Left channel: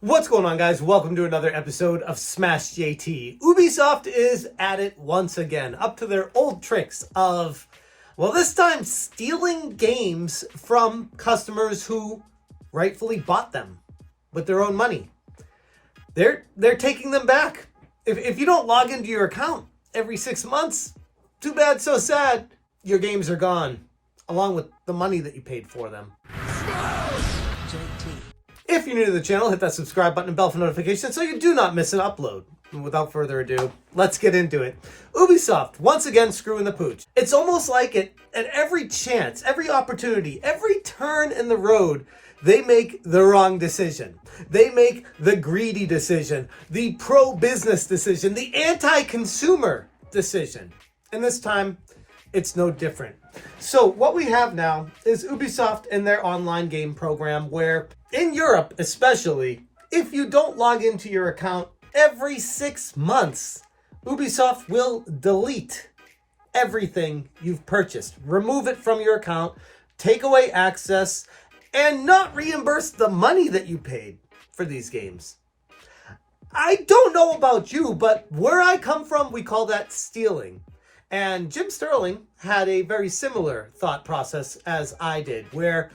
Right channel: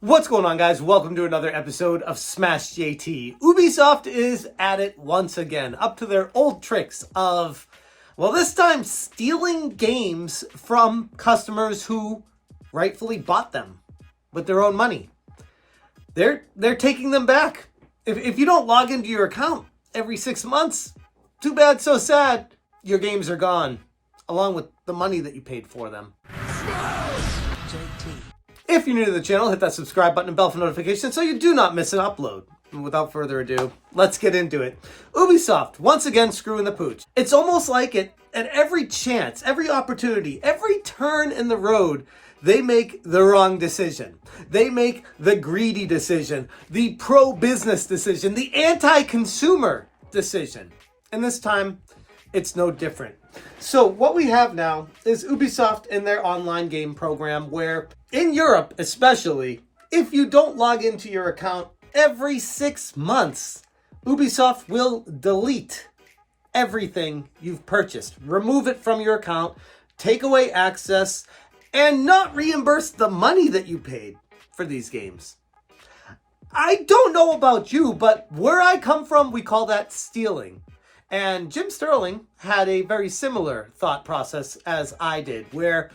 What's going on, guys? Welcome to another episode of Smash JT. Ubisoft is at it once again, up to their old tricks of, well, this time stealing games from customers who rightfully bought them with their own money. They're taking them back. If you don't log into your account every 6 months, too bad, so sad. Your games are gone, along with the money that you paid for them. Smash JT. If you're new to the channel, hit that subscribe button and bell for notifications so you do not miss an upload. And without further ado, let's get into it. Ubisoft, once again, screwing the pooch. It's almost like it, at every chance, every opportunity, every turn in the road, they make the wrong decision. They make the greedy decision, the pro-business decision, the anti-consumer decision. And this time, it's no different. So what we have now is Ubisoft in their online game program where, in Europe especially, if you don't log into your account every 6 months, Ubisoft will delete everything you've purchased, remove it from your account, take away access, and not reimburse the money that you paid for these games. I don't know about you, but where I come from, we call that stealing. And Jim Sterling had a very similar thought process as I did, where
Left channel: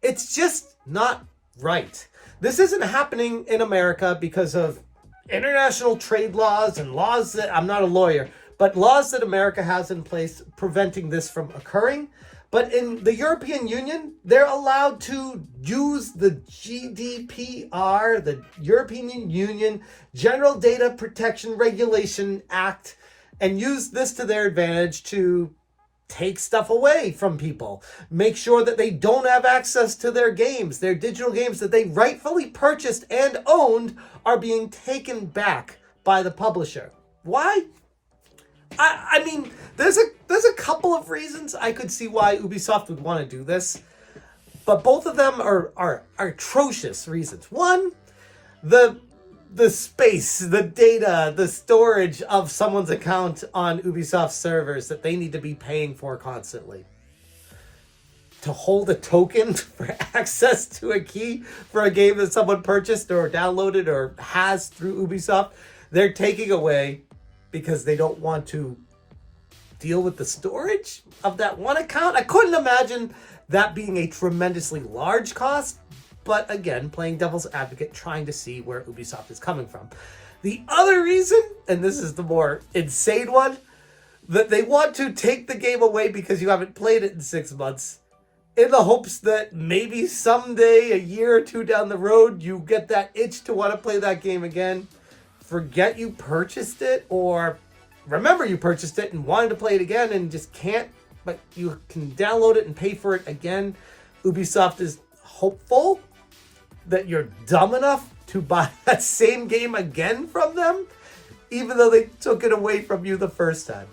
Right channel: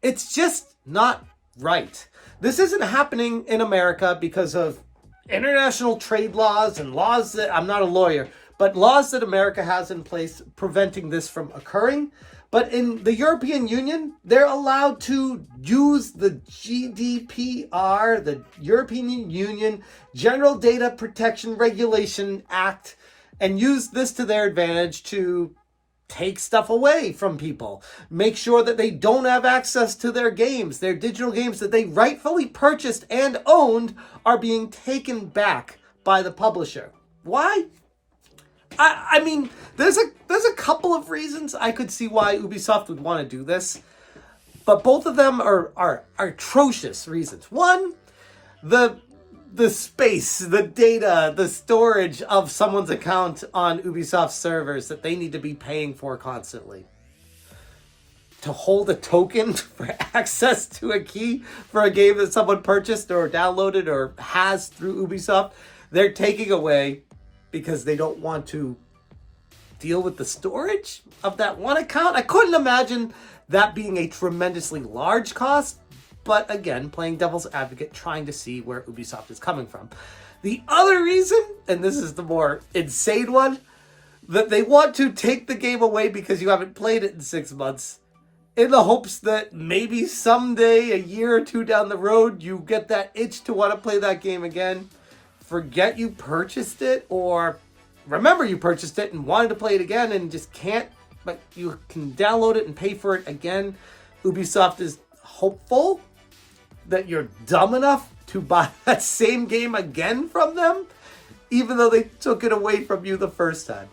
it's just not right. This isn't happening in America because of international trade laws and laws that, I'm not a lawyer, but laws that America has in place preventing this from occurring. But in the European Union, they're allowed to use the GDPR, the European Union General Data Protection Regulation Act, and use this to their advantage to take stuff away from people. Make sure that they don't have access to their games. Their digital games that they rightfully purchased and owned are being taken back by the publisher. Why? I mean, there's a couple of reasons I could see why Ubisoft would want to do this, but both of them are atrocious reasons. One, the space, the data, the storage of someone's account on Ubisoft servers that they need to be paying for constantly. To hold a token for access to a key for a game that someone purchased or downloaded or has through Ubisoft, they're taking away because they don't want to deal with the storage of that one account. I couldn't imagine that being a tremendously large cost. But again, playing devil's advocate, trying to see where Ubisoft is coming from. The other reason, and this is the more insane one, that they want to take the game away because you haven't played it in 6 months, in the hopes that maybe someday, a year or two down the road, you get that itch to want to play that game again, forget you purchased it, or remember you purchased it and wanted to play it again and just can't, but you can download it and pay for it again. Ubisoft is hopeful that you're dumb enough to buy that same game again from them, even though they took it away from you the first time.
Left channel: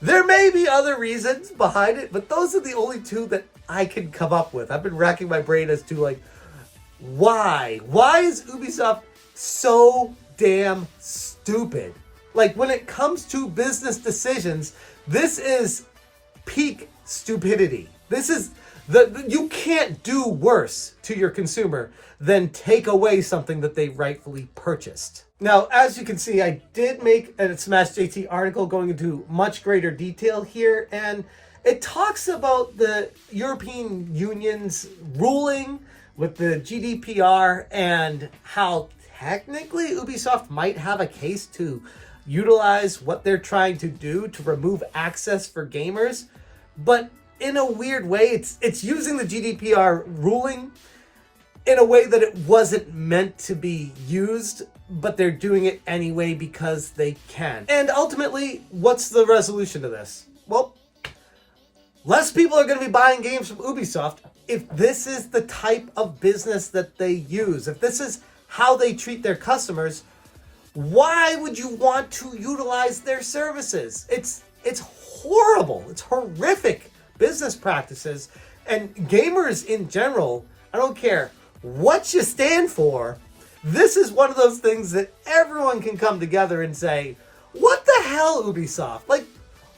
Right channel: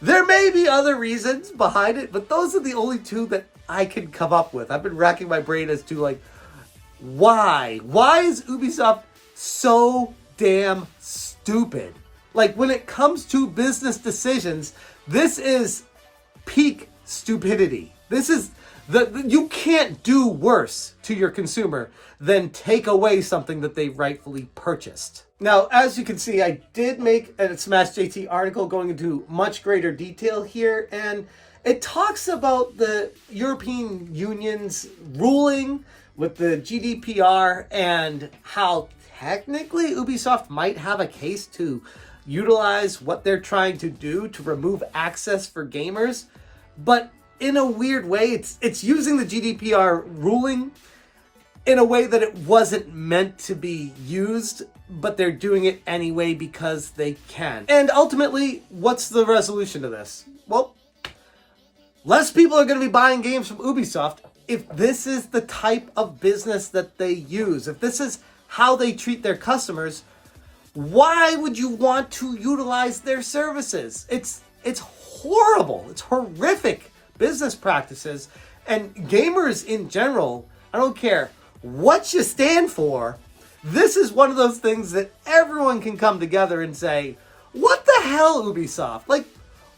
There may be other reasons behind it, but those are the only two that I can come up with. I've been racking my brain as to, like, why? Why is Ubisoft so damn stupid? Like, when it comes to business decisions, this is peak stupidity. This is you can't do worse to your consumer than take away something that they rightfully purchased. Now, as you can see, I did make a Smash JT article going into much greater detail here, and it talks about the European Union's ruling with the GDPR and how technically Ubisoft might have a case to utilize what they're trying to do to remove access for gamers, but in a weird way, it's using the GDPR ruling in a way that it wasn't meant to be used, but they're doing it anyway because they can. And ultimately, what's the resolution to this? Well, less people are going to be buying games from Ubisoft if this is the type of business that they use. If this is how they treat their customers, why would you want to utilize their services? It's horrible. It's horrific business practices, and gamers in general, I don't care what you stand for, this is one of those things that everyone can come together and say, what the hell, Ubisoft? Like,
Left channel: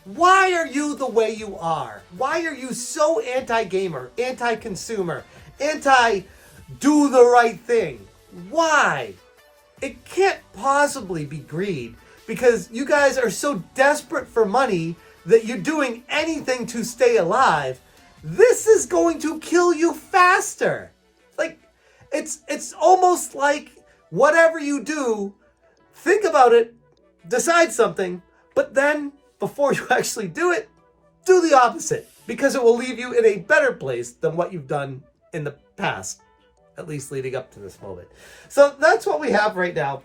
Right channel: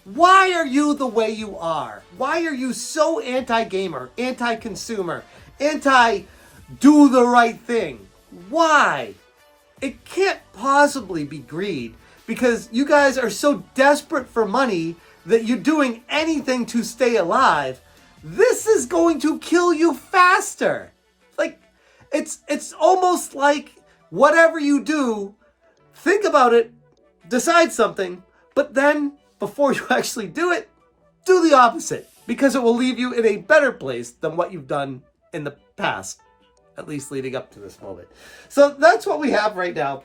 why are you the way you are? Why are you so anti-gamer, anti-consumer, anti-do the right thing? Why? It can't possibly be greed, because you guys are so desperate for money that you're doing anything to stay alive. This is going to kill you faster. Like, it's almost like whatever you do, think about it, decide something, but then before you actually do it, do the opposite, because it will leave you in a better place than what you've done in the past, at least leading up to this moment. So that's what we have right now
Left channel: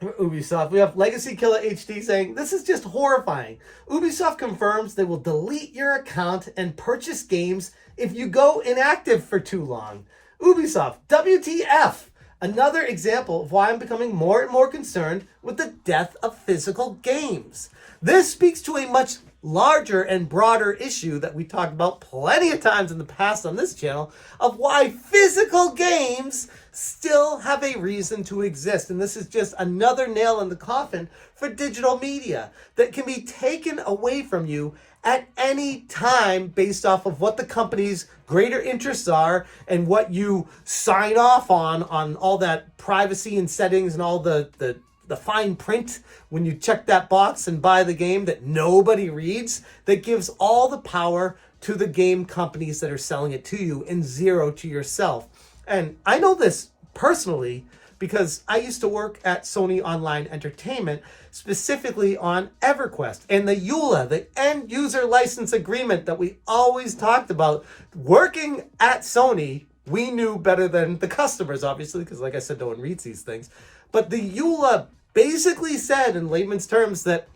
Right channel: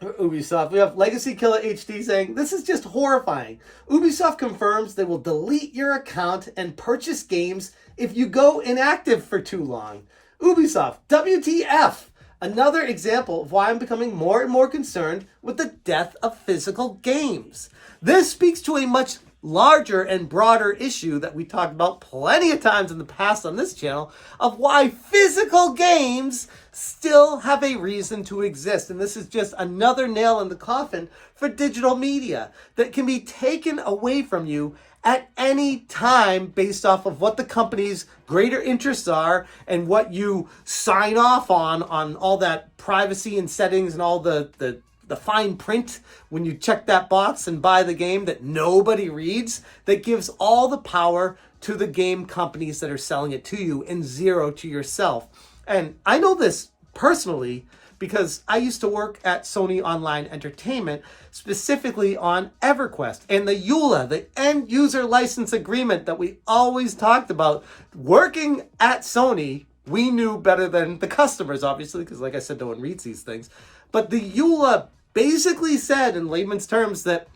for Ubisoft. We have Legacy Killer HD saying, "This is just horrifying. Ubisoft confirms they will delete your account and purchase games if you go inactive for too long. Ubisoft, WTF?" Another example of why I'm becoming more and more concerned with the death of physical games. This speaks to a much larger and broader issue that we talked about plenty of times in the past on this channel, of why physical games still have a reason to exist. And this is just another nail in the coffin for digital media that can be taken away from you at any time based off of what the company's greater interests are and what you sign off on all that privacy and settings and all the fine print when you check that box and buy the game that nobody reads, that gives all the power to the game companies that are selling it to you and zero to yourself. And I know this personally because I used to work at Sony Online Entertainment, specifically on EverQuest and the EULA, the end user license agreement that we always talked about. Working at Sony, we knew better than the customers, obviously, because like I said, no one reads these things. But the EULA basically said in layman's terms that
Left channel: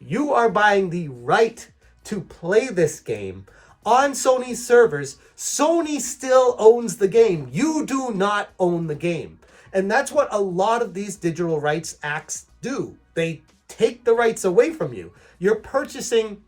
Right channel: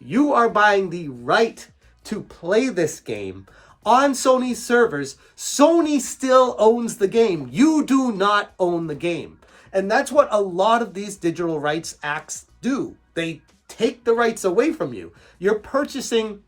you are buying the right to play this game on Sony's servers. Sony still owns the game. You do not own the game. And that's what a lot of these digital rights acts do. They take the rights away from you. You're purchasing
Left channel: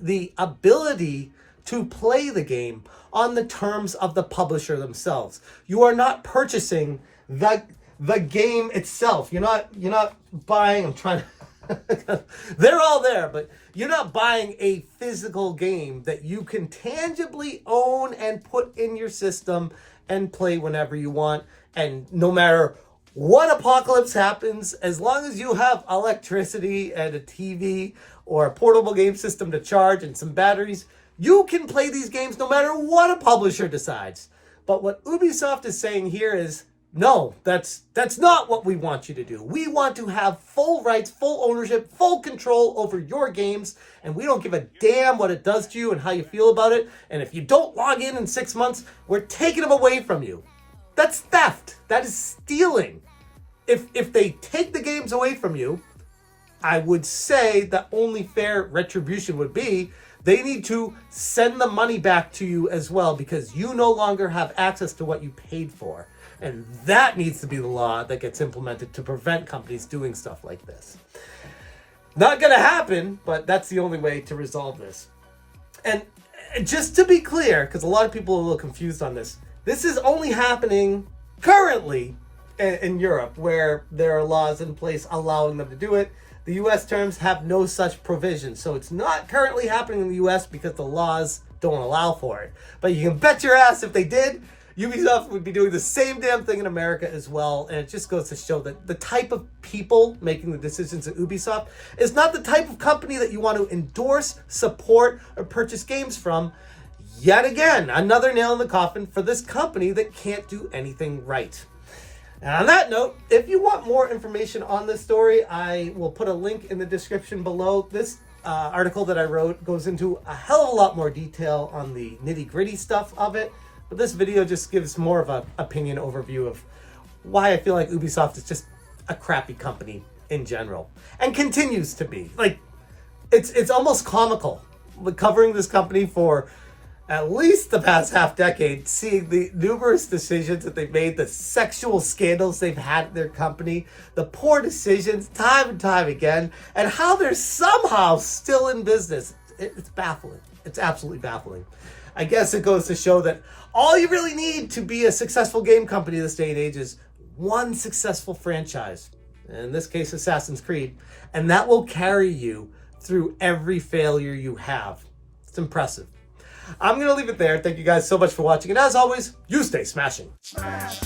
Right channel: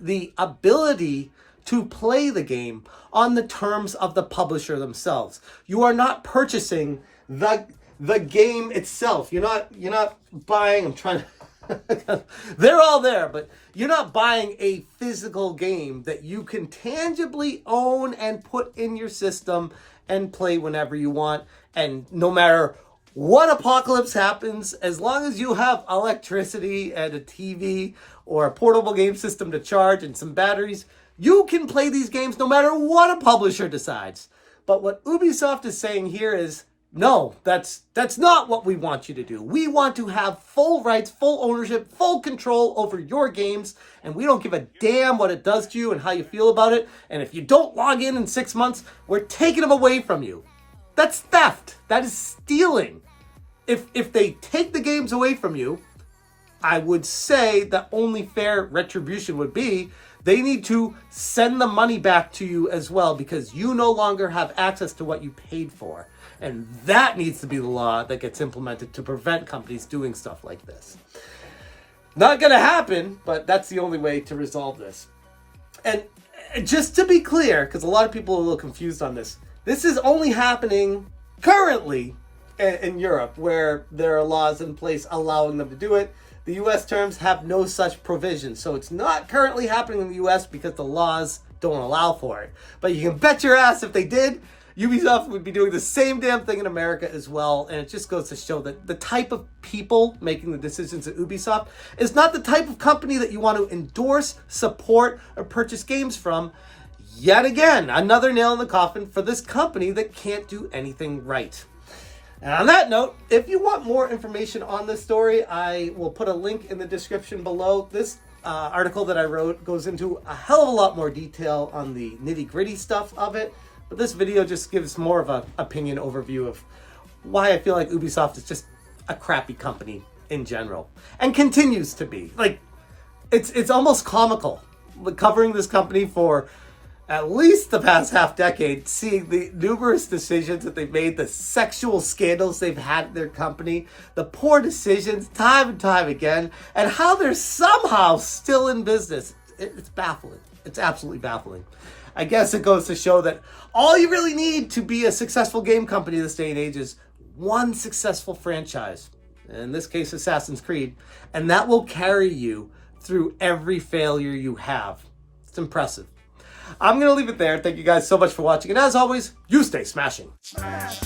the ability to play the game on the terms of the publisher themselves. You are not purchasing the game itself. You're not buying, I'm trying to, they're all there, but you're not buying a physical game that you can tangibly own and put in your system and play whenever you want. And no matter what apocalypse happens, as long as you have electricity and a TV or a portable game system to charge and some batteries, you can play these games no matter what a publisher decides. But what Ubisoft is saying here is, no, that's not what we want you to do. We want to have full rights, full ownership, full control over your games, and we don't give a damn what it does to you and how you feel about it. And if you don't log in 6 months, we're taking them away from you. That's theft. That is stealing. If they take the games away from you, I would say that only fair retribution would be they need to send the money back to you as well, because you no longer have access to what you paid for. And that needs to be the law that gets implemented to prevent companies doing stuff like this. Not going to happen, but that's the only way to resolve this. And just to be clear, because a lot of people are a little confused on this, this is only happening currently in Europe, where there are laws in place allowing them to do it. The US terms have no such provision. So it's not currently happening in the US because the laws don't allow for it. But you can bet your ass if they did, Ubisoft would be doing the same damn thing in America as well. And it just goes to show that the type of people making the decisions at Ubisoft is not the type of company that you want to endorse, support, or purchase games from. Yet again, another nail in the coffin for this company that can't do anything right. And on that note, if you want more information on this story, I will put a link in the description below. This article that I wrote goes into a hell of a lot more detail on the nitty-gritty stuff of it. But this video just gives more of an opinion overview of why I feel like Ubisoft is just a crappy company in general. And continues to be. Like, it's almost comical covering this company for at least the past half decade, seeing the numerous decisions that they've made, the sexual scandals they've had in their company, the poor decisions time and time again, and how they're somehow still in business. It's baffling. It's absolutely baffling. I guess it goes to show that all you really need to be a successful game company this day and age is one successful franchise. In this case, Assassin's Creed. And that will carry you through every failure you have. It's impressive. I'm going to leave it there. Thank you guys so much for watching. And as always, you stay smashing. Smash,